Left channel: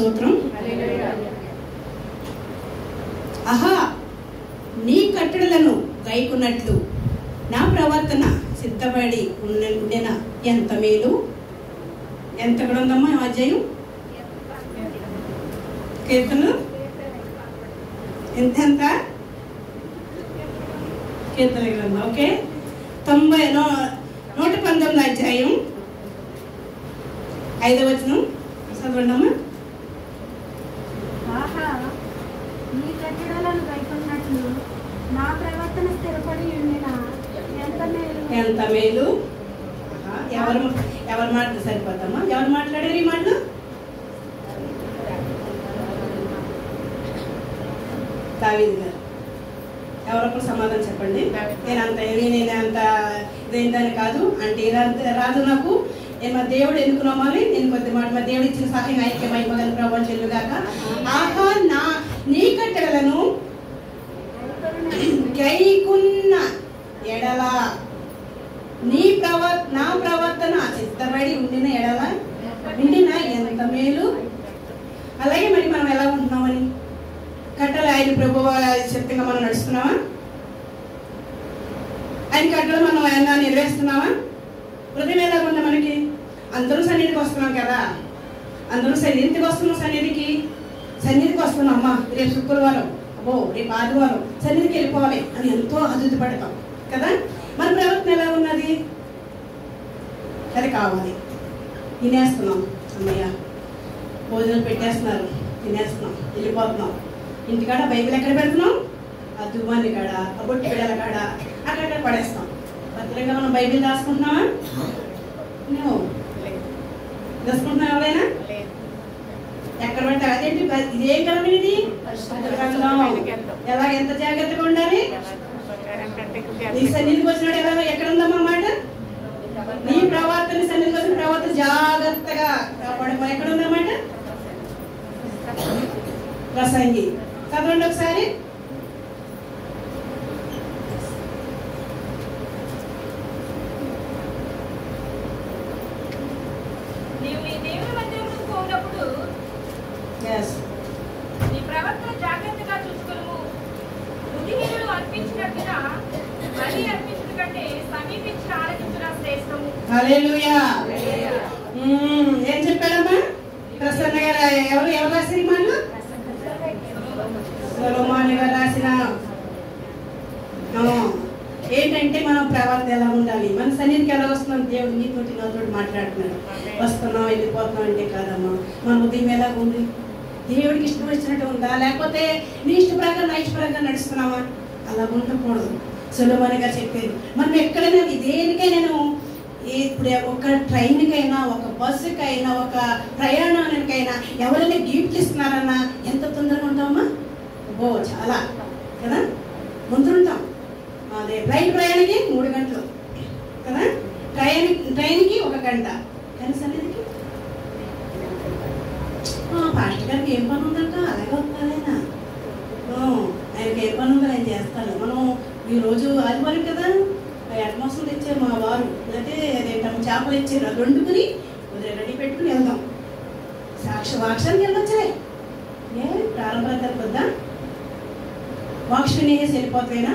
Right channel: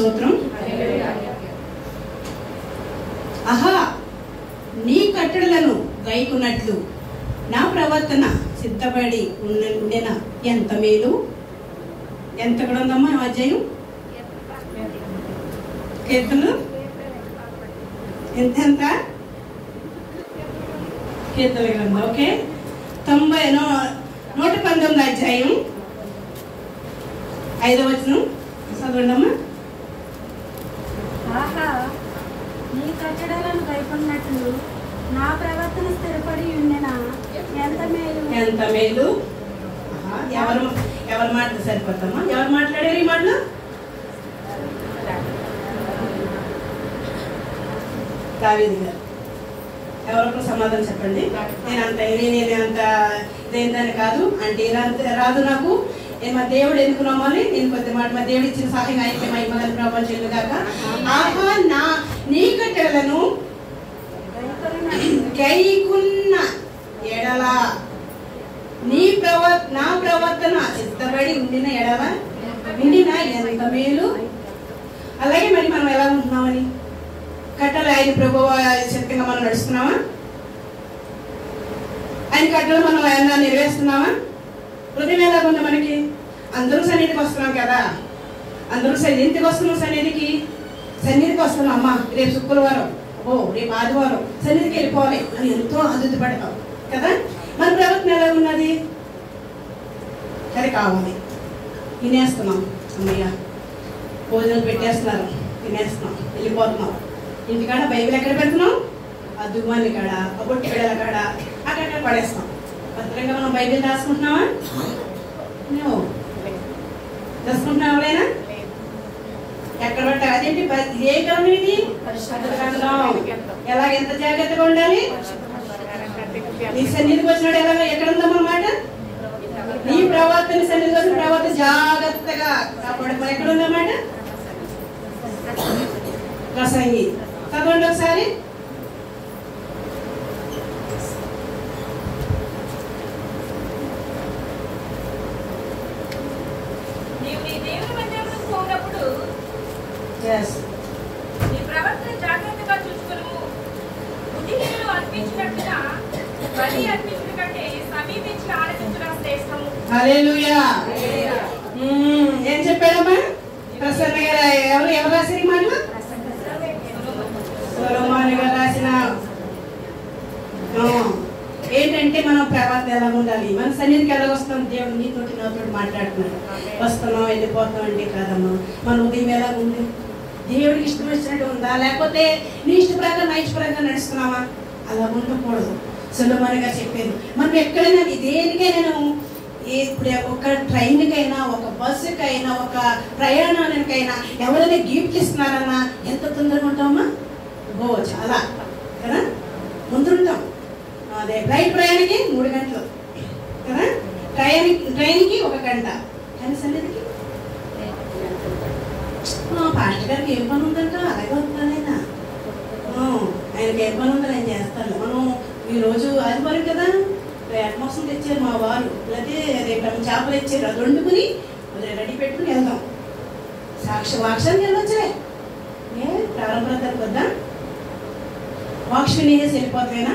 స్తోత్రం. ఆహా, నీ కట్టడలను గైకున్నట్లు నా ప్రవర్తన సిద్ధపడి ఉండిన ఎంత మేలు. ఎంత కూడా ఉందమ్మా అధ్యాయం? కీర్తనలు ఎంత కీర్తన గ్రంథం. ఓకే, 119 అధ్యాయం 5వ వచనం చదవండి అమ్మా. ఆహా, నీ కట్టడలను గైకొన్నట్లు నా ప్రవర్తన స్థిరపడి ఉండిన ఎంత మేలు. ఎంత మేలు. ఎవరు మాట సరిపోతామా? ఎవరు మాట్లాడారు ఈ మాటలు? దావీదు గారు. ఎవరికి సమాధానం చెప్పండి. నేను అంత ఇదేంటని కాదు అంటే రాదు నాకు. నేను మా దేవుడు ఎందుకు నమ్మాలి? నేను కొద్ది మాట మా దేవుడు ఇచ్చిన సహాయం ఐక్యం అయిపోగల ప్రభావం చెల్లుగాక. ఆహా, నీ కట్టెలను గైకున్న ఎడల నా ప్రవర్తన సిద్ధపడి ఉండిన ఎడల ఉండిన ఎంత మేలు. అలాగే మరి మనం ఎలా ఉంటున్నామని కట్టలు ఆయన ప్రభు శక్తిగా మనం నడుస్తున్నామా? ఆయన కట్టలు మనం ఏమన్నా నెరవేరుస్తున్నామా? హృదయం ఎలా ఉంది మనకి? అందరూ సన్నిధికి వస్తున్నాం కదా, అందరూ ఎందుకు వస్తున్నాం? సన్నిధికి వస్తున్నాం. అమ్మా రేపు శుక్రవారం, రేపు ఆదివారం సన్నిధికి వెళ్ళిపోవాలి అని ఎంతో అదుపు పడతాం కదా. మన ప్రవర్తన ఎలా ఉన్నది? సరే కావాలి, తినేస్తున్నాం. అమ్మయ్య భోజనాలు పెట్టేస్తున్నారు, తినేస్తున్నాం, వెళ్ళిపోతున్నాం. ఇంటికాడ బైబిల్ ఎక్కడ పెడుతున్నాం? ఆ దుమ్మాని కాడ, ఆ బొట్టి బిడ్డల కాడ అక్కడ పడేస్తాం. భద్రంగా మనం బైబిల్ రాసుకుంటున్నామా? నువ్వు రాసుకుంటున్నావు ఎవరైనా? ఎక్కడ పట్టారు? అదేంటి ఇదే గ్రంథం ఇది? ఎలాగ ఎంత జాగ్రత్తగా ఉండాలి? నీ సన్నిధికి వచ్చినాడు ఎక్కడ ఉందన్నమాట? నీ ప్రవర్తన సన్నిధికి వచ్చిన ప్రవర్తన జాగ్రత్తగా కాపాడుకోవాలి. ఎక్కడ ఉందన్నమాట? ప్రసంగి చదవండి ఒకసారి. హల్లెలూయా. ఏం చెప్పాడమ్మా ప్రసన్న గారు? ఎవరు రాసిన మాటలు? సొలొమోను గారు రాసిన. ఏంటంటే మనం ప్రవర్తన ఎలా ఉండాలి? మన సన్నిధికి ఎలా వస్తాం? దేవుడు నీతోటి నాతోటి మాట్లాడుతున్నాడు. వస్తున్నాం వెళ్ళిపోతాం అంటే కాదమ్మా. మన ఉదయం ఎలా ఉంది? దేవుడికి ఇష్టం వచ్చినట్టు ఉందా, లేకపోతే నీ ఇష్ట ప్రకారం నా ఇష్ట ప్రకారం నడుస్తున్నామా? అలా ఉండకూడదు. సొలొమోను గారు చెప్పారు. మనం ఎక్కడైనా దేనికైనా, ఇప్పుడు ఒక ట్రైన్కైనా, ఒక బస్సుకైనా, ఒక ప్రయాణానికైనా ఎవరైనా గిఫ్ట్ ఇస్తున్నారన్నా ఎంత తొందరగా ఉంటామా? చాలా కదా, ముందుంటాం. అదే ఫ్లైట్ ప్రయాణానికి 3 గంటలు కదా, ట్రైన్కి 1 గంట. కానీ సన్నిధికి పాస్టర్ గారికి ఏం పని ఉందంట అలాగే వస్తానైనా. ఆయనకి ఏం పని ఉందని ఆయన చేస్తాను. మనం ఈరోజు ఆదివారం కదా, మోసం తెచ్చారు మా వారు, లేకపోతే రేపు చేపలు ఇచ్చారు, అది వండుకుని రెడీ పెట్టుకుని వెళ్దాం. వాక్షానికి వెళ్ళొచ్చులే, ప్రారంభానికి వద్దా? వాక్షం నేనేసి వెళ్ళిపోతాయినా?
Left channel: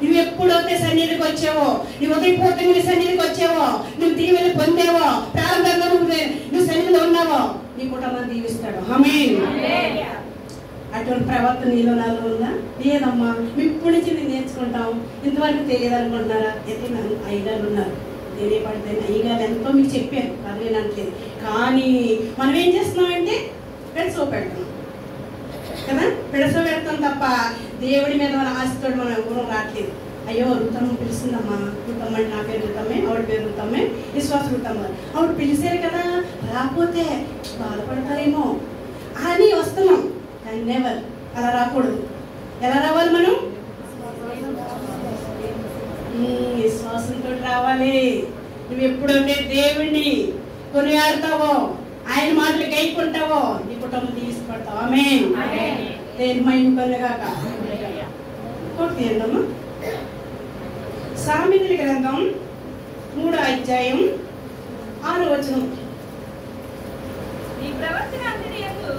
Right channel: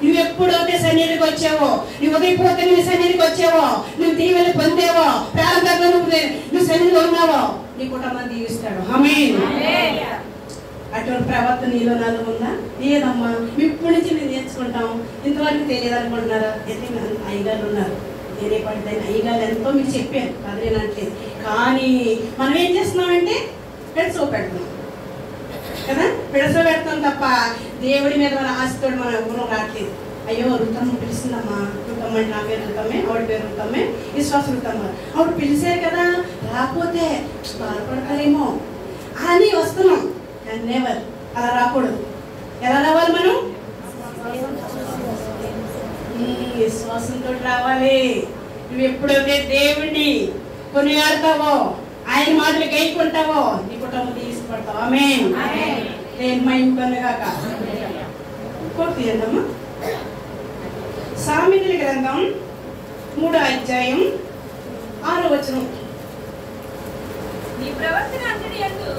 నువ్వు ఎప్పుడైతే సన్నిధికి వచ్చావో, నువ్వు ఉదయపోతే నువ్వు సన్నిధికి వచ్చావో, నువ్వు దీవెనలు పొందావో, ప్రారంభంగా నువ్వు సన్నిధిలో ఉన్నావో, నీ కుటుంబాన్ని దీవిస్తాడు. ఆమేన్. అటువంటి ప్రవర్తన నీలో నాలో ఉందా? లేదమ్మా. మేము ఇప్పటి నుంచి మేము నేర్చుకుంటాం, ఇంతవరకు తెలియదు అనుకుంటున్నారా? అయితే అయ్యగారు ఉన్నారు, నేనే పడితే అయ్యగారు ఎంతో మీకు చెప్పాను, అదేనట్లేదు. కానీ మనం ఏం చేస్తున్నామంటే పెడసో పెడతాం కదా, పెడసో పెడతాం తప్ప దేవుడి మీద మన ఆశతో మన గుణం రావట్లేదు. అయ్యో రుతమ్మ పిలిచిందమ్మా, రుతమ్మ అంటే నా పేరు రుతమ్మే, ఆవిడ పేరు రుతమ్మే, విశ్వాసం రుతమ్మ, ఆవిడ పిలిచారు కదా, రాకపోతే బాధపడతారేమో అని వస్తున్నాం. కానీ నెవర్ అలా రాకూడదు. ఎలా రావాలి మనం? విశ్వాసంతో రావాలి. నువ్వు ఎప్పుడైతే దేవుణ్ణి కొనియాడతావో, ఆయన మాటలు గైకుంటావో, నీ కుటుంబం తీసుకుంటావు. ఆమేన్. దేని మహిమ పొందుగాక. ఇంకొకటి సామెతల గ్రంథం 3వ అధ్యాయం 6వ వచనం. నీ ప్రవర్తన అంతటి యందు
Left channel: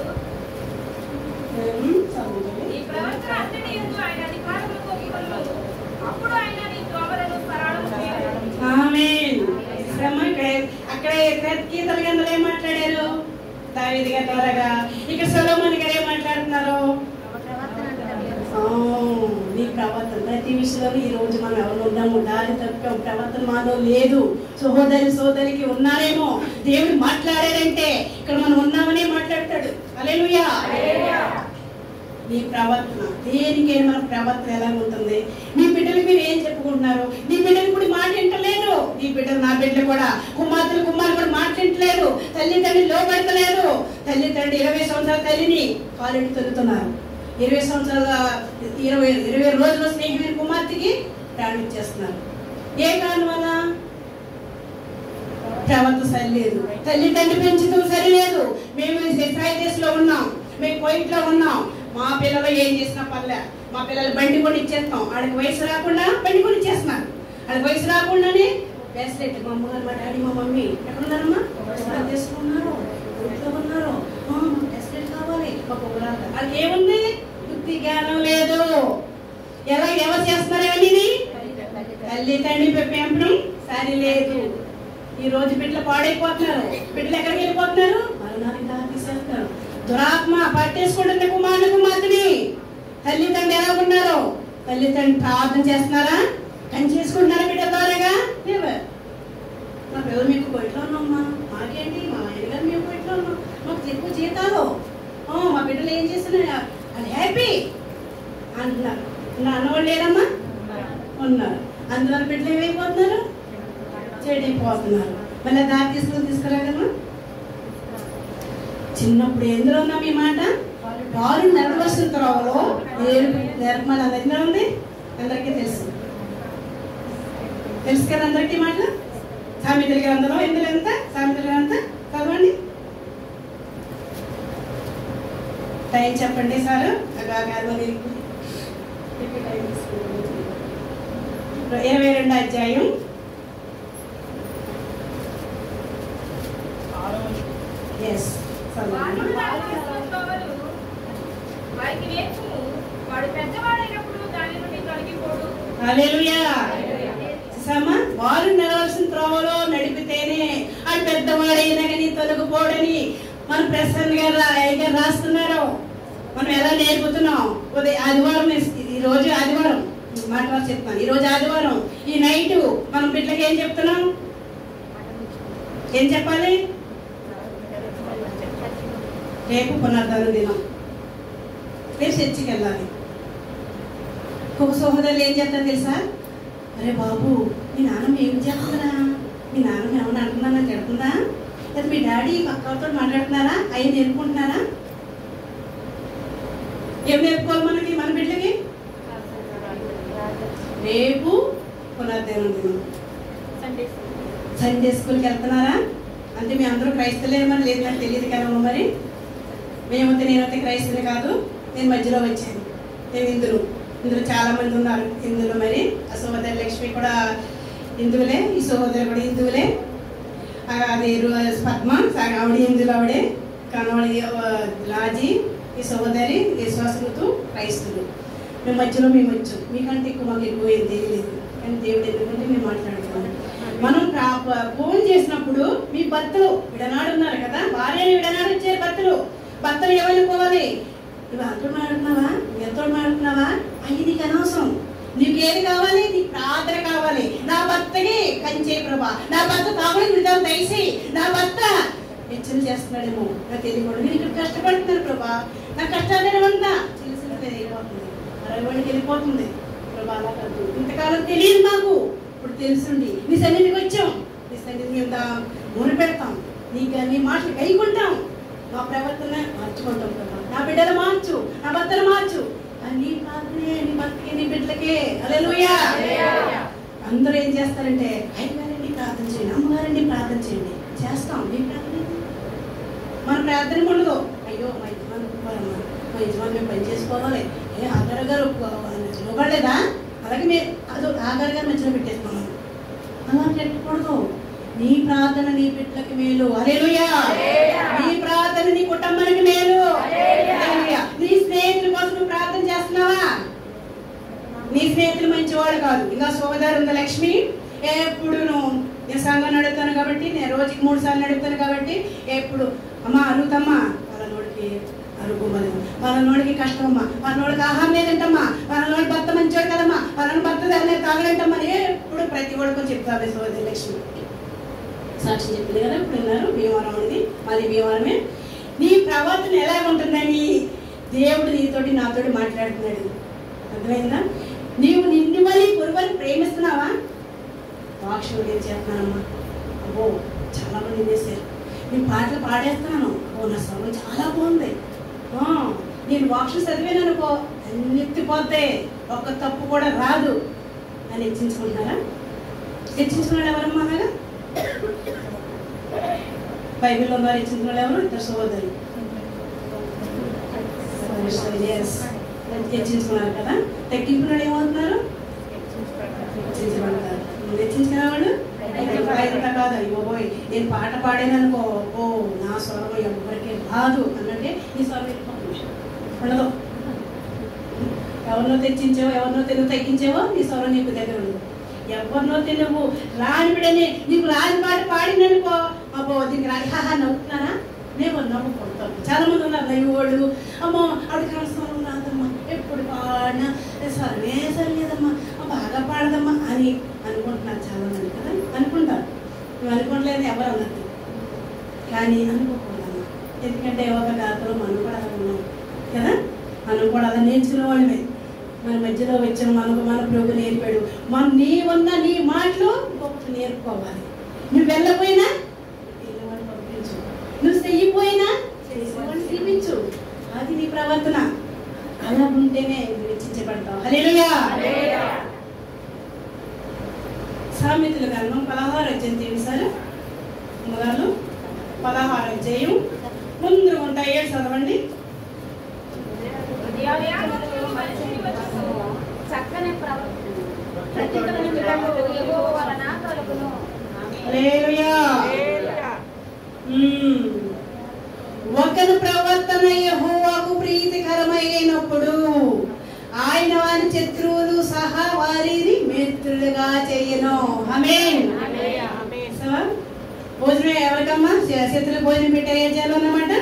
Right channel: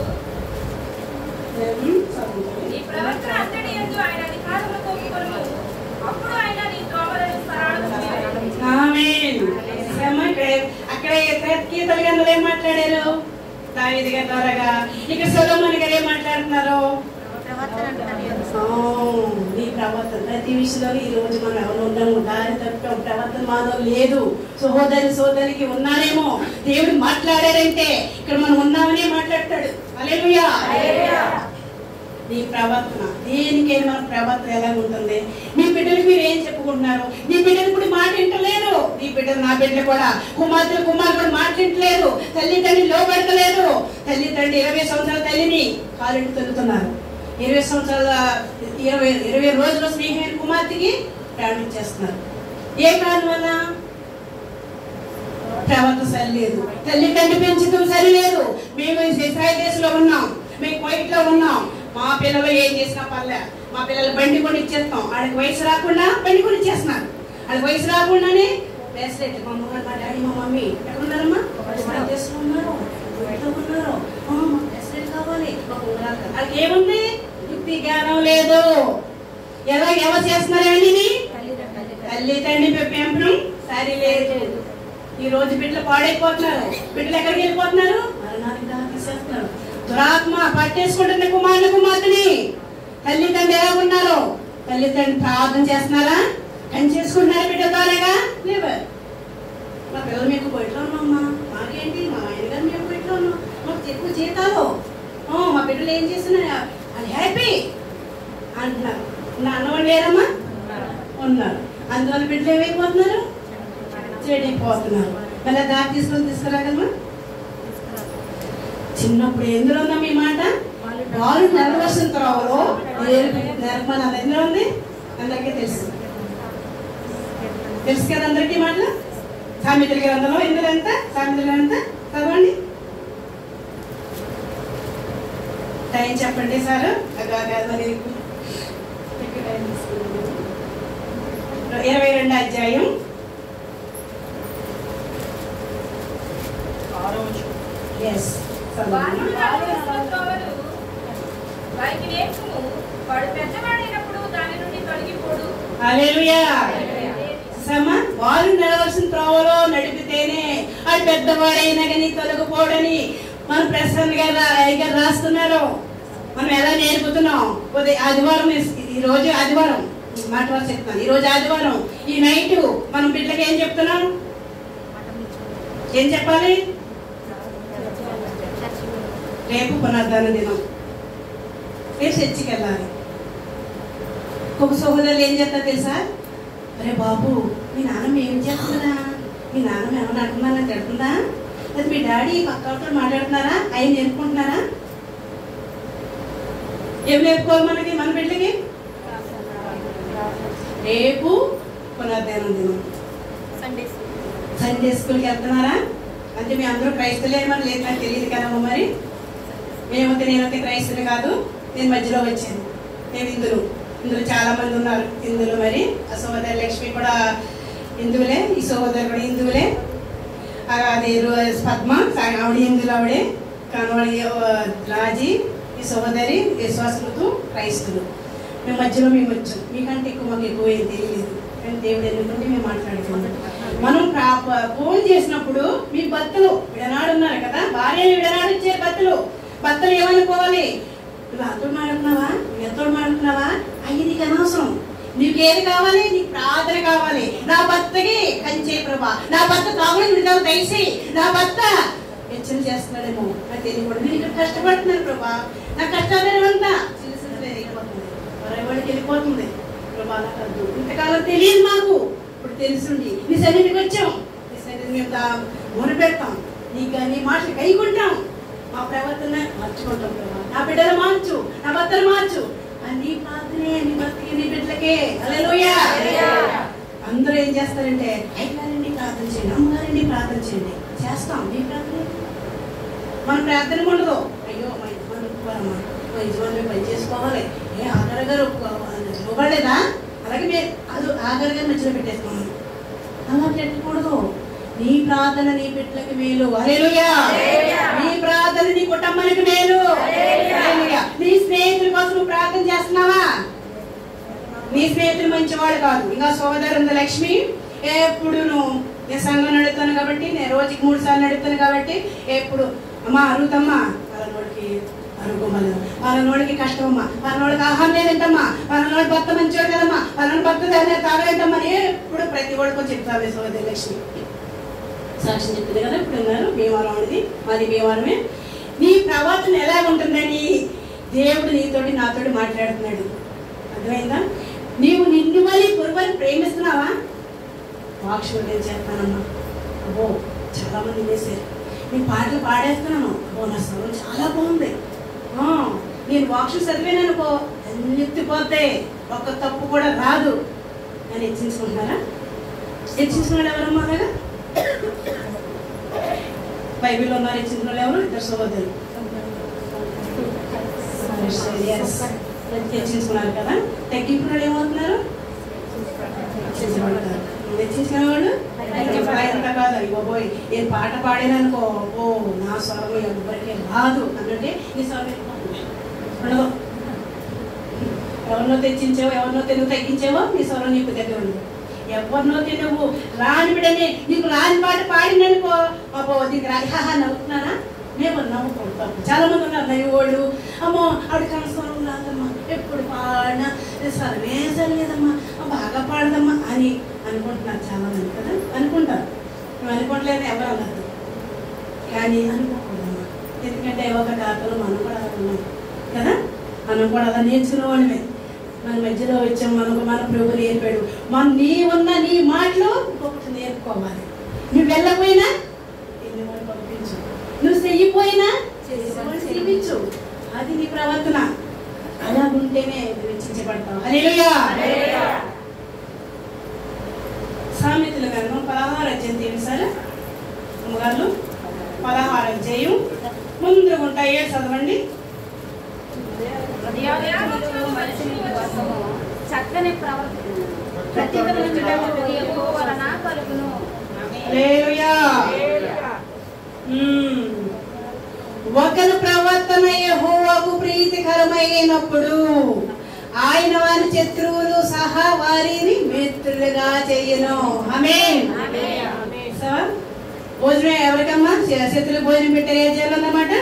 నీ ప్రవర్తన అంతటి యందు ఆయన అధికారములకు ఒప్పుకొనుము. అప్పుడు ఆయన నీ త్రోవలను సరళము చేయును. ఆమేన్. అక్కడ కీర్తన గ్రంథంలో ఏం మాట్లాడారు? దావీదు గారి ద్వారాగా. ఇక్కడ సొలొమోను గారు ఏం మాట్లాడుతున్నారు? నీ ప్రవర్తన ప్రతి విషయంలో ఈ రోజు మనం ఎవరు ఉండము, దారి తప్పాం, ప్రవర్తన మాలో లేదు. సోదరికి ఉన్నారేమో, దేవుడు మాట్లాడారంటే ఇక్కడ మనం ఉన్నామనే మాట్లాడతాడు. హల్లెలూయా. నీ ప్రవర్తన దేనికైనా మన ప్రవర్తన ఎలా ఉంటుంది? మీ బిడ్డలకు మీరు ఏం చెప్పుకుంటున్నారు? నీ బిడ్డలు కూడా మాట వింటలేదు. నీ బిడ్డలు, నా బిడ్డలు కూడా, కుమార్తెలు కుమారు కూడా మాట వింటలేదు. తల్లిదండ్రులు లోపెడతలేదు. తల్లిదండ్రులు 20 సంవత్సరాల తల్లిని కాలు తొలుతున్నారు. 20 సంవత్సరాల 20 రోజుల స్నేహమైన కుమార్తెకి ప్రాణం ఇచ్చేస్తున్నారు. ఏ కారణం వల్ల? ప్రవర్తన సరిలేదు. తల్లిదండ్రులు పెంచడం సరిలేదు. మేము ఇజ్రాయెల్ దేశంలో ఉన్నాం, మేము కువైట్ లో ఉన్నాం. మా పిల్లలు ఏం చేసినా పర్లే, మా పిల్లలు బండి కొని ఇచ్చేస్తాం. వాళ్ళకి వయసు రాకుండా బండి కొని ఇచ్చేస్తున్నారు. వాళ్ళకి వయసు రాకుండానే బ్రేస్లెట్. మా అమ్మగారు, మా డాడీ, మా మమ్మీ ఎక్కడ ఉన్నారమ్మా? చేసుకున్నారు, ఉన్నారు. బ్రేస్లెట్ కావాలి, మాకు ఉంగరాలు కావాలి. వాళ్ళకి ఏముంది? బుద్ధి జ్ఞానం లేదు. ఎవరు చేస్తున్నారు? ఇవన్నీ తల్లి తండ్రి పెంపడం సరి లేదు. ఈ రోజు బిడ్డలు పాడైపోతున్నారు. బిడ్డలు ఎక్కడికి వెళ్ళిపోతున్నారు? మరణానికి దారి తీసేస్తున్నారు. దురాత్మ పట్టేసుకుంటుంది కుమారుని కుమార్తెని. తల్లిదండ్రులు ఎలా ఉన్నారు? తల్లిదండ్రులు ప్రార్థన చేస్తున్నారా? పని చేసుకుంటున్నారా బిడ్డ ద్వారాగా? లేవు. మా పిల్లలు మీకు బయటలో ఉన్నామమ్మా, మాకేంటి, మా ఆయన గారు మేము బయటలో ఉన్నాం, మాకు ఎక్కువ జీతాలు, మా బిడ్డలు ఏం చేస్తున్నారు, అది హ్యాపీ అంటున్నారు. అన్నవాళ్ళు లేరమ్మా? ఉన్నారు. అందువల్ల బిడ్డలు ఏమైపోతున్నారు? చెడిపోతున్నారు. మళ్ళీ దారి తీసుకురాగలమా? చిన్నప్పుడు ఎందులో ఉన్నాం ఈ మాట? వారు నడవలసిన త్రోవలో నిర్మల అనేది ఉంది. అందరికీ తెలుసు కదా అందరికీ మాట. సామెతల గ్రంథంలో ఎందులో ఎంత? సామెతల గ్రంథం చదవండి. టైం చెప్పండి సార్. 22 అధ్యాయం వారికి నేర్చుము, వాడు పెద్దవాడైనప్పుడు దాని నుండి తొలగిపోడు. హల్లెలూయా. వారు నడవలసిన త్రోవలో నడిపితేనే అది పెద్దవాడైనా కానీ తొలగిపోడని మన ప్రసన్న గారు రాస్తున్నారు. మనం ఎలా నేర్పుతున్నాం? ఆదివారం, ఈ రోజు ఆదివారం మాట చెప్తాను. ఈ రోజు ఆదివారం, ఈ నైట్ మనం బిడ్డలకి ఏం చెప్తున్నాం? ఏం చెప్పాలి? రేపు పునరుద్ధాన దినం, రేపు చర్చికి వెళ్ళాలి. ఒక సోదరులు ఏం చేస్తారు తెలుసా? అరే బాబు, మీ నాన్నమ్మ ఏం చేస్తుందా? మీ నాన్నమ్మ ఏమన్నా అంటున్నానని తిడుతుందా? లేదా మీ డాడీ పక్కతో మాట్లాడుతున్నారా? ఆయన నేర్పుకుంటున్నారా? ఏం నేర్పుకోవాలి మనకి, మన బిడ్డకి? రేపు పునరుద్ధాన దినం, సండే స్కూల్కి వెళ్తున్నారా? అంటే మీ అందరూ క్రైస్తవులేమని లేదు, నాకు తెలియదు కదమ్మా. మరి మేమైతే, నేనైతే క్రైస్తవులు కాదు, నేను మధ్యలో వచ్చాను. నేను ఇందులో చాలా మంది ఉన్నారు. ఇందులో మరి ఆ సోదరి లక్ష్మి కూడా హిందువులే, ఈ సోదరు కూడా హిందువులే. అదే పద్మ ఆవిడ హిందువులు, ఆవిడే కానవాడి రాజీ, ఈ సోదరి విశ్వాసముతో క్రైస్తులు. మేము మధ్యలో మేము వచ్చాం. మీకంటే ఎక్కువ మాకు ఎక్కువ ఏం తెలియలేదు, కానీ దేవుడు ఎందుకంటే మేము మాట్లాడుకున్నాం. మనం ఫోన్ చేసినప్పుడు మీ భర్తలు విడనాడు ఉన్నారు కదా, భార్యను విడనాడు వచ్చారు భర్తలు ఏమనుకోవాలి? నువ్వు అతడు మాట్లాడుతున్నావా, నువ్వు ఎంతోడు మాట్లాడుతున్నావా? అయ్యి నీకు అనవసరం. నీకేది కావాలి? నీకు ప్రార్థన కావాలి. నా భర్తకి కంచే ప్రభా, నా భర్త తాగుడు విధానం దయసి, నా భర్త వెచ్చన చేస్తున్నాడేమో నాకు తెలియకూడదు. నేను ఇక్కడ కష్టపడుతున్నాను ప్రభా, నా కష్టాలేమంతా చిలిసిలేదు అయిపోతుంది, వాడికి వెళ్ళిపోతుంది ప్రభా. అలా కాదు, ఇంతకాలం తెలియదు మాకు, ఇప్పుడు తెలుసుండి నీ సన్నిధికి వచ్చాం. నీ సన్నిధి మేము మూన పెడతాం, నీ మాటలు కైకుంటాం, మా ప్రవర్తన మార్చుకుంటాం ప్రభా. నా బిడ్డలు మార్చు, నా భర్తలు మార్చు. నీ ప్రార్థనే నీ భర్తకి, నీ బిడ్డలకే. హల్లెలూయా. అందరూ ఏం చేస్తారంటే, అయ్యగారండి ప్రార్థన చేయండి, అమ్మగారండి ప్రార్థన చేయండి. చేస్తాం. నీ ప్రార్థన మన ప్రార్థన ఉండదు. అయ్యో మా యజమాని మేము పని చేసుకోవాలి, ఏ ఆగారు గారు ఇవ్వలేదా, అలాగే మేము అది ఆగారు గారు మధ్యలో పెట్టేస్తాము. అలా పెట్టకూడదు. నీ ప్రార్థన నీ బిడ్డలకి మేలు. హల్లెలూయా. నీ ప్రార్థన నీ కుటుంబానికి మేలు. నీ స్నేహితులు మంచివాడు కాదు. ఇంకా సోదరు లక్ష్మి ఎప్పుడు నేను సంఘం నడుపుతాను కాబట్టి, నేను రోజుకి 3 సార్లు నడుపుతాను కాబట్టి ఎప్పుడు అమ్మా అరుగుతమ్మా, పలానోడికి అరుగుమలేదు, పలానోడికి కష్టమమ్మా, పలానోడికి ఆహారం లేదంటమ్మా, పలానోడి భర్త మంచివాడు కదమ్మా, పలానోడి భర్త తాగలేంటమ్మా, ఎప్పుడు ప్రతి ఒడికో చెప్తావే సోదరి లక్ష్మి. సాక్షి చెప్పింది కదా, ఇప్పుడు ఉన్నారు భీమవరం అనేది, మరి భీమవరమే. నీ ప్రవర్తన ఎలా ఉంటుందని దేవుడు నీతోటి నాతోటి మాట్లాడుతున్నాడు. అర్థమైందా? నీవు నిన్ను మళ్ళీ పురువని ప్రేమిస్తున్నావా? వాక్షులు నేను చేస్తున్నానమ్మా, అబ్బో చాలా మంది వేసారు, నేను పాటలు పాడేస్తున్నాను, అబ్బో నా స్వరం చాలా బాగుంది, నేను వాక్షులు చదివాను అనుకో అన్ని ఎత్తిపోతాయి, ఒక్క తప్పు కూడా రాదు అని హెచ్చించుకుంటున్నారా? హెచ్చించుకున్నాడు ఎవరమ్మా? అలాగా బైబిల్లో ఉన్నారు హెచ్చించుకున్నాడు ఎవరు? 2 సహోదరులు హెచ్చించుకున్నారు కదా. తగ్గింపులు ఏమవుతున్నారు? హెచ్చించుకునే వాళ్ళు అంతా కాదు. అయ్యో పోయి నేను పాట పాడాననుకో, ఓ నా స్వరం ఎవరికి రాదు అన్నట్టే ఈ స్వరం ఉండదు. ఎవరినో తెచ్చించావో, ఎవరినో తెలుగు తగ్గించావో నీ స్వరం నీకు దగ్గర ఉండదు. ఎవరినో నువ్వు రాని బిడని నీకు రాని పాట పాడిననుకో, అబ్బో దీనికి రాని హాహా నవ్వుతున్నానా, మేము నవ్వుకుంటాం. చాలా మంది ఉన్నారు నవ్వువాళ్ళు, అమ్మో ఆవిడ స్వరం రాదమ్మా, ఎప్పుడు పాడినా స్వరమే సరిలేదమ్మా, బాగా పాడదమ్మా అని అనుకుంటున్నారు చాలా మంది కదా. అనుకుంటారు, మేము అనుకోవట్లేదు ఎవరు అన్నారు, కానీ అనుకోకూడదమ్మా. ఎందుకంటే ఒక దాతలో మనం కూడా అలా ఉన్నాం కదా, మనం కూడా అలా నేర్చుకునే వాళ్ళమే. మన మధ్యలో వచ్చాం, మనకు మన ప్రభు నేర్పాడు. నీ ఉన్న నీ మాటలు ఇంకొకటి నేర్పుకోవాలి. నువ్వు వెళ్ళకపోయినా వెళ్ళమని పంపించు, నువ్వు చెయ్యిపోయినా చేసేవాళ్ళు చేయించు. అది నీ ప్రవర్తన. అలా ఉంటేనే వెచ్చించబడతావు. హల్లెలూయా. సామెతల గ్రంథం 16 అధ్యాయం సార్ అమ్మగారు, 16 అధ్యాయం ముందు ఉంటాయి చదవండి. చక్కని ప్రతిఫలం వలన కలుగును. ఒకరి ప్రవర్తన యెహోవాకు ప్రీతికరమైనప్పుడు ఆయన వారి శత్రువులు సహా వారిని మిత్రులుగా చెయ్యను. ఆమేన్. భోజనం ఎవరికమ్మా? శత్రువులు భోజనం పెట్టారు, ఏం చేయాలన్నమాట?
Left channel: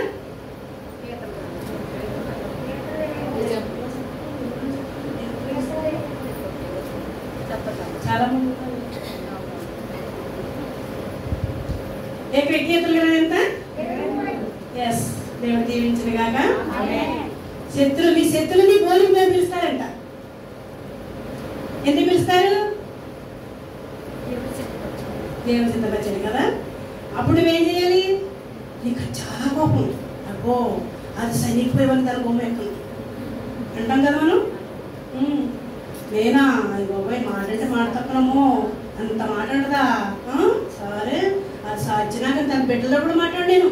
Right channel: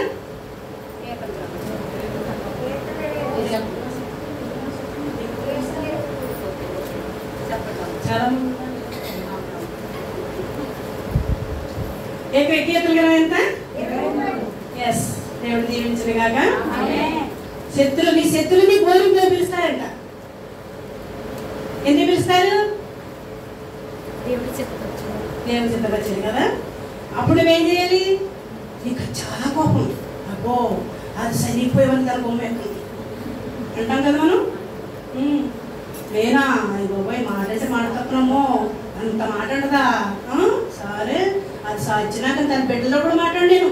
చాలా మంది కీర్తనలు ఎంత? ఎస్, దేవుడు దీవించిన కాక. శత్రువుని భోజనం పిలుస్తారంట. ఎందుకు పిలుస్తారు? దేవుని చిత్తపరిచయం కదా. అప్పుడు నువ్వేం చేయాలి? నీకు చాలా కోపం, అబ్బో అది సరిపోయేవాళ్ళు దాని బొమ్మ అంటాం కదా మనం. నేనా బాబాయ్ మాట్లాడితే మాట్లాడుతున్నామో అంత మాట్లాడదా, సరే అది సాధ్యనాక తన బిడ్డలో కూడా మాట్లాడాను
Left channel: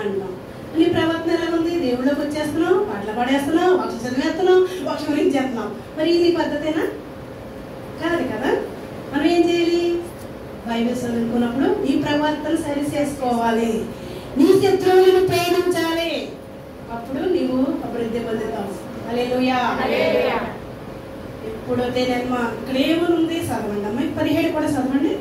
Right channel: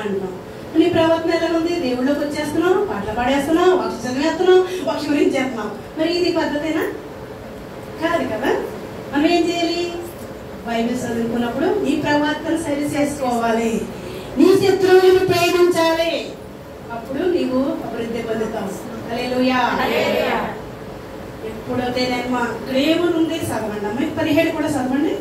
అంటున్నాం. నీ ప్రవర్తన ఎలా ఉంది? దేవుళ్ళకి వచ్చేస్తున్నావు, పాటలు పాడేస్తున్నావు, ఒక చదివేస్తున్నావు, ఒక గురించి చేస్తున్నావు. మరి ఇది పద్ధతేనా? కాదు కదా. మనం ఏం చేయాలి? బైబిల్ చదువుకున్నప్పుడు నీ ప్రవర్తన సరి చేసుకోవాలి, నీ శత్రువులను ప్రేమించాలి, అప్పుడు నీవు అభివృద్ధి పొందుతావు. హల్లెలూయా. ఎప్పుడైతే మా క్రేమను ఉంది చదవండి అమ్మ. 17 కూడా చదవండి.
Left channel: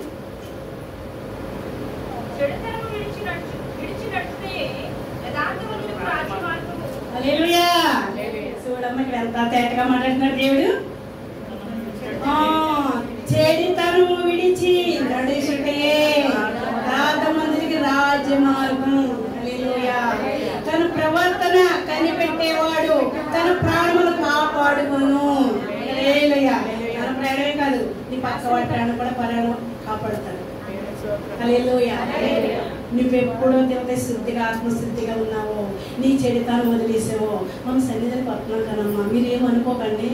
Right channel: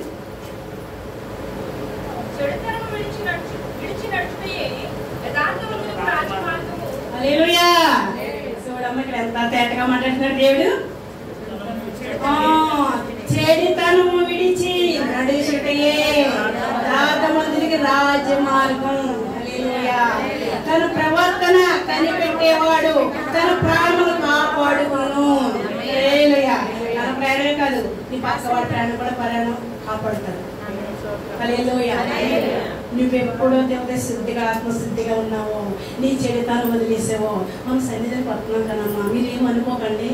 హల్లెలూయా. చూడమ్మ ఇక్కడ ఎంత తేటగా మాట్లాడుతున్నాడు దేవుడు. చెడుతను విడిచి నడుచుటయే యథార్థవంతునికి రాజమార్గం. హల్లెలూయా. తన ప్రవర్తన కనిపెట్టేవాడు తన ప్రాణములు కాపాడుకును. హల్లెలూయా. తన ప్రాణమే కాదు, నీ పక్కవాడి ప్రాణం కూడా ప్రాణం కాపాడుతాడు. హల్లెలూయా. నువ్వెప్పుడో దేవుడి శుద్ధిగా ఆత్మశుద్ధిగా ఉన్నావో, నీ చెడుతాను వదిలేసావో, మనం సన్నిధికి వస్తున్నాం కదమ్మా. మీరేమనుకోకండి,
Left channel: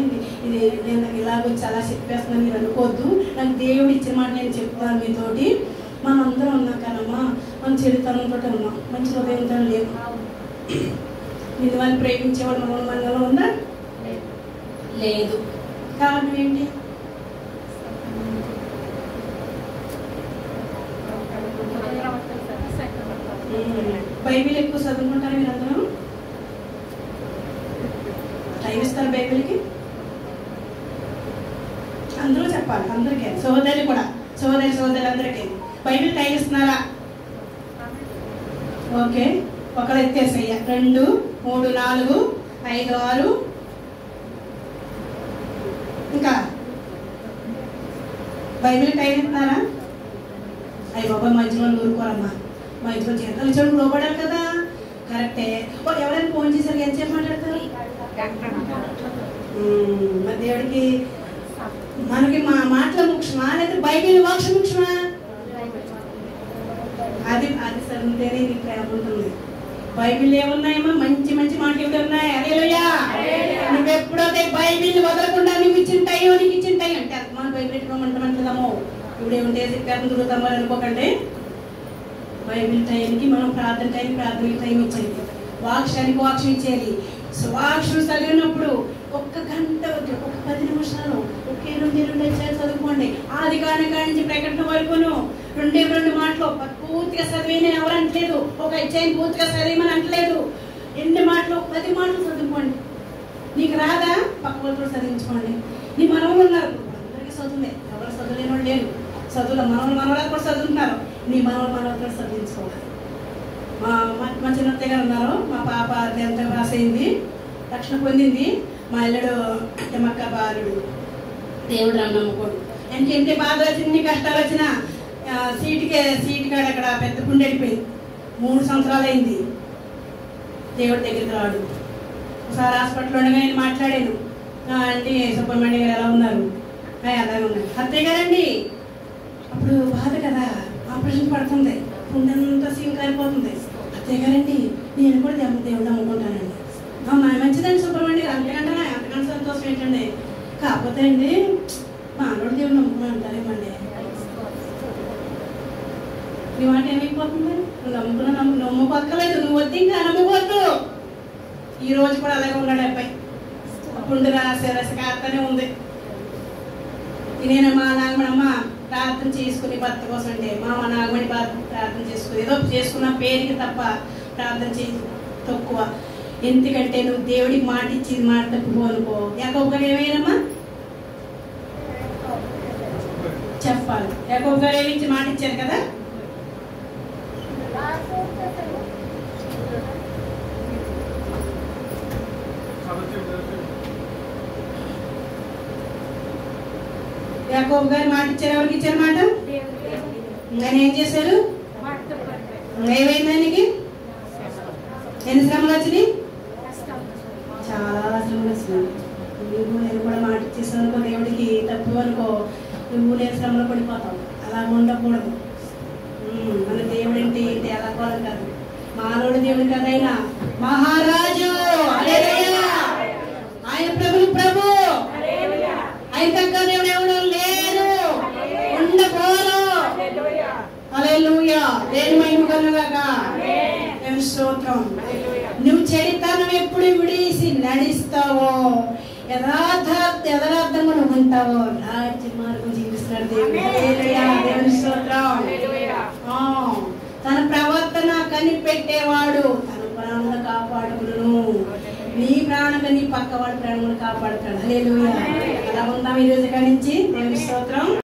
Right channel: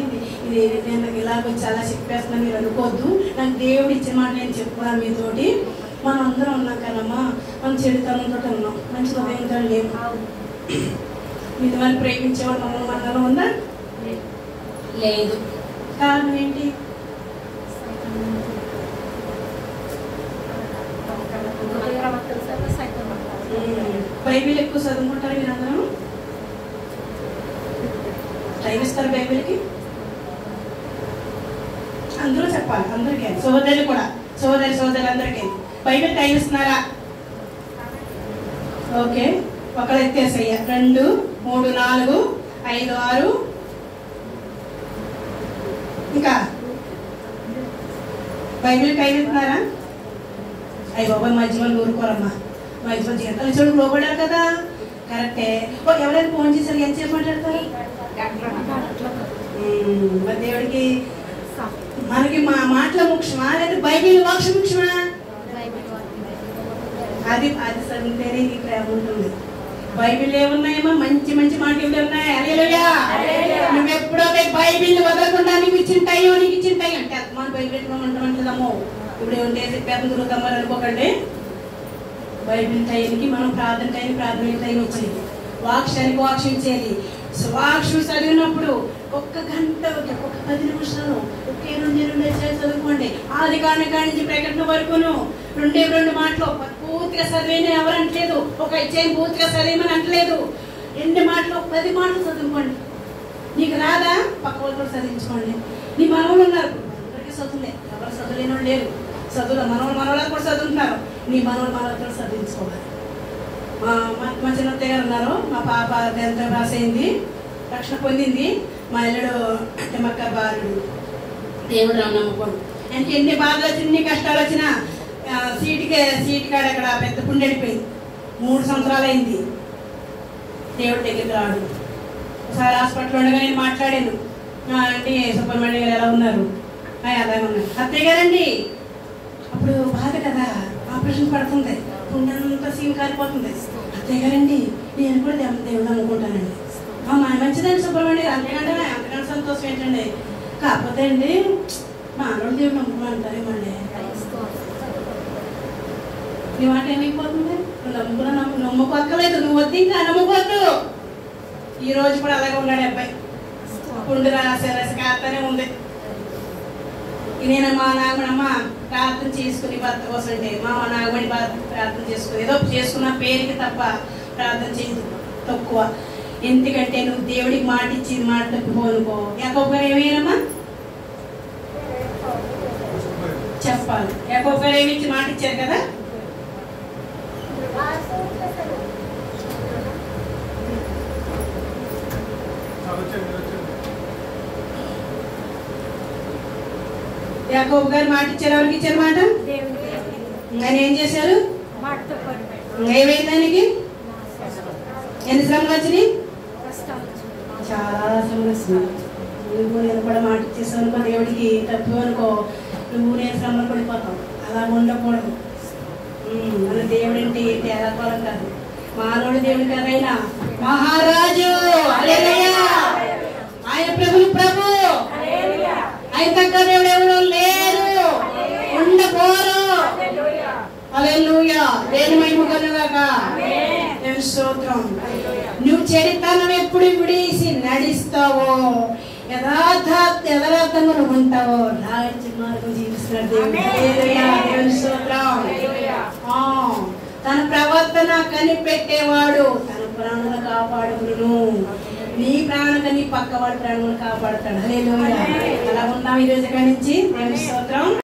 ఇది నేను ఇలాగ చాలా చెప్పేస్తున్నా మీరు అనుకోవద్దు. నాకు దేవుడు ఇచ్చిన మాట నేను చెప్తున్నాను మీతోటి. మనం అందరం ఉన్నాం కదమ్మా, మనం చెడుతనంతో ఉన్నాం, మంచి హృదయంతో లేవు. ఇది వాళ్ళు ప్రేమించేవాడు మనలో ఉందా? లేదు. కారణం ఏంటి? బైబిల్ ఎక్కువ చదువుకుంటారు మీరు అందరూ? టైం ఇస్తారు బైబిల్కి? చెప్పాలి అందరికీ, సోదరులు కూడా, సోదరులందరికీ. బైబిల్ టైం ఇస్తున్నారా? ఓకే, ఒకరు ఎత్తేసయ్యా. 2, 3, 4, 5, 6. ఇంకా బైబిల్ టైం ఇస్తున్నారా? అయ్యి బాబాయ్ మధ్యలో ఊరుకోరమ్మా, మధ్యలో జీతాలు చూడు లోపడాలి కదా. కరెక్టే. ఎవరైనా ఫోన్ చేశారు ఎంత సేపు మాట్లాడతారు? మరి దేవుడికి మనకి మా మాటల ముఖ్యమా లేదా బైబిల్ వాక్ష ముఖ్యమా? అది చదివితేనే నీకు ప్రేమ ఉంటుంది. బైబిల్ ఏమున్నాయేమో మంచి మంచి మాటలు ఉన్నాయి. హల్లెలూయా. నువ్వు ఎప్పుడో బైబిల్ వదలకుండా నీకు ఇచ్చిన టైం అంటే మన బైబిల్ ఎత్తుకోమంటామంటున్నాము. ఇప్పుడు ఏమంటే చెప్పాను తిరుగుతాం మరి అనుకోకండి. బైబిల్ టైంకి మనం ప్రార్థన టైం ఇచ్చేది, వాక్షానికి వాక్షం ఇచ్చేది. వాక్షం చదివినప్పుడు 1 గంట, 10 నిమిషాలు, 2 చదువుకోండి. ఆది కాని నుంచి ప్రకటన వరకును 2 మాటలు పూర్తిగా చదివిన ఎవరు అంటలేదు, ఒక అధ్యాయం పూర్తిగా చదివమని అంటలేదు. 2 మాటలు 10 మాటలు చదువుకోండి. నీకు రాదా? పక్క వాళ్ళు కూడా చదివించుకోండి. నీ మనవలు ఉన్నారు, అందరికీ చదువులే, ఎవరు చదువులేని వాళ్ళు లేరు. చదువులో మనవలు కూడా చదువుతున్నారు. నీ మనవలు కూడా చదివించుకోవాలి. మా చిన్నత్తయ్య గారు ఉన్నారు, మా పాప 10th రాసేయింది, రక్షణ పొందింది. మా ఇల్లుడు మక్క బాలుడు దేవుడు నమ్మకూడదు. అంటే ఎన్ని బాధలు వచ్చిన, ఎన్ని కష్టాలు వచ్చినా సీటు కాడ అక్కడ పెద్ద పుండి వెళ్ళిపోయింది. 3 సంవత్సరాలు అయింది. దేవుడి దగ్గరికి రాడు. ఒకసారి హాస్పిటల్ ఉండగా నేను మాట్లాడాను. అంటే సుబ్రహ్మణ్య గారు ఎలా ఉన్నారు? అలా ఉన్నారు. అత్తయ్య గారండి అప్పుడు బాధ కదా, ఆపరేషన్ పడుతుంది, పుండంతా సీన్ కాలిపోతుంది. అత్తయ్య గారండి నేను కూడా దేవుడు అనుకుంటానండి. మంచిదండి సుబ్రహ్మణ్య, అంతకంటే సంతోషం ఏంటండి. కాకపోతే అండి మా ఆడవాళ్ళు దేవుడు నమ్ముకుంటారేమండి. నీ మాట ఏమైపోతుంది? నువ్వు నమ్మకోక్కలేదు, నువ్వు వద్దు, ఇంకా నమ్మకోద్దు. ఈ రోజు కూడా అలాగే ఉన్నాడు అబ్బాయి. పుండు కాస్తనే ఉంది. నేను మా నాగమణమ్మ ప్రార్థన చేసుకుని భర్త కోసం అంటే మా నాగమణి ప్రార్థన చేసుకుని ఏదో చేసుకున్న పేరుకి తప్ప ప్రార్థన చేసి తక్కువ. ఎందుకంటే నువ్వు దేవుడికి మాట ఇచ్చింది మాట తప్పుకోనుకో. యాకోబు గారు ఏమైనమ్మా చెప్పాలి. యాకోబు గారు ఏమి ఇచ్చి మాట ఇచ్చారు కదా. యాకోబు గారు మాట ఇచ్చారు. ఎవరికి ఇచ్చారు మాట? ఆయన ఏం చేశారు? ఏమైంది ఆయనకి? ఎన్ని శ్రమలు వచ్చినాయి? చాలా శ్రమలు వచ్చినాయి. నేను కూడా మాట ఇచ్చేసాను అనుకో, దేవుడికి తప్పు అనుకో, నువ్వు నేను శ్రమలు పడిపోతావు. అలా ఉండకూడదు. మన దేవుడు ఏంటి తేలాకోవడం కాదు, మానవుడు దేవుడు కాదు, ఆయన మహారాజు. ఆయన ప్రభు ఆయన తక్కువ దేవుడు ఎవరు లేరు, ఉండకోరు. హల్లెలూయా. దేని మహిమ కలుగుగాక. స్తోత్రం. నువ్వు చరిత్రను ఎప్పుడు విడిసి నడిస్తావో, యథార్థంగా నువ్వు ఉంటావో, రాజ్య మార్గం జీవిస్తున్నాడు దేవుడు. దేవుని స్తోత్రం. తన ప్రవర్తన కనిపెట్టేవాడు తన ప్రాణాలను కాపాడును. నీ ప్రాణాలను నీ పక్క వాడి ప్రాణాలను కాపాడుతాడు. హల్లెలూయా. అలా ఉందాం ఈ రోజు నుంచి.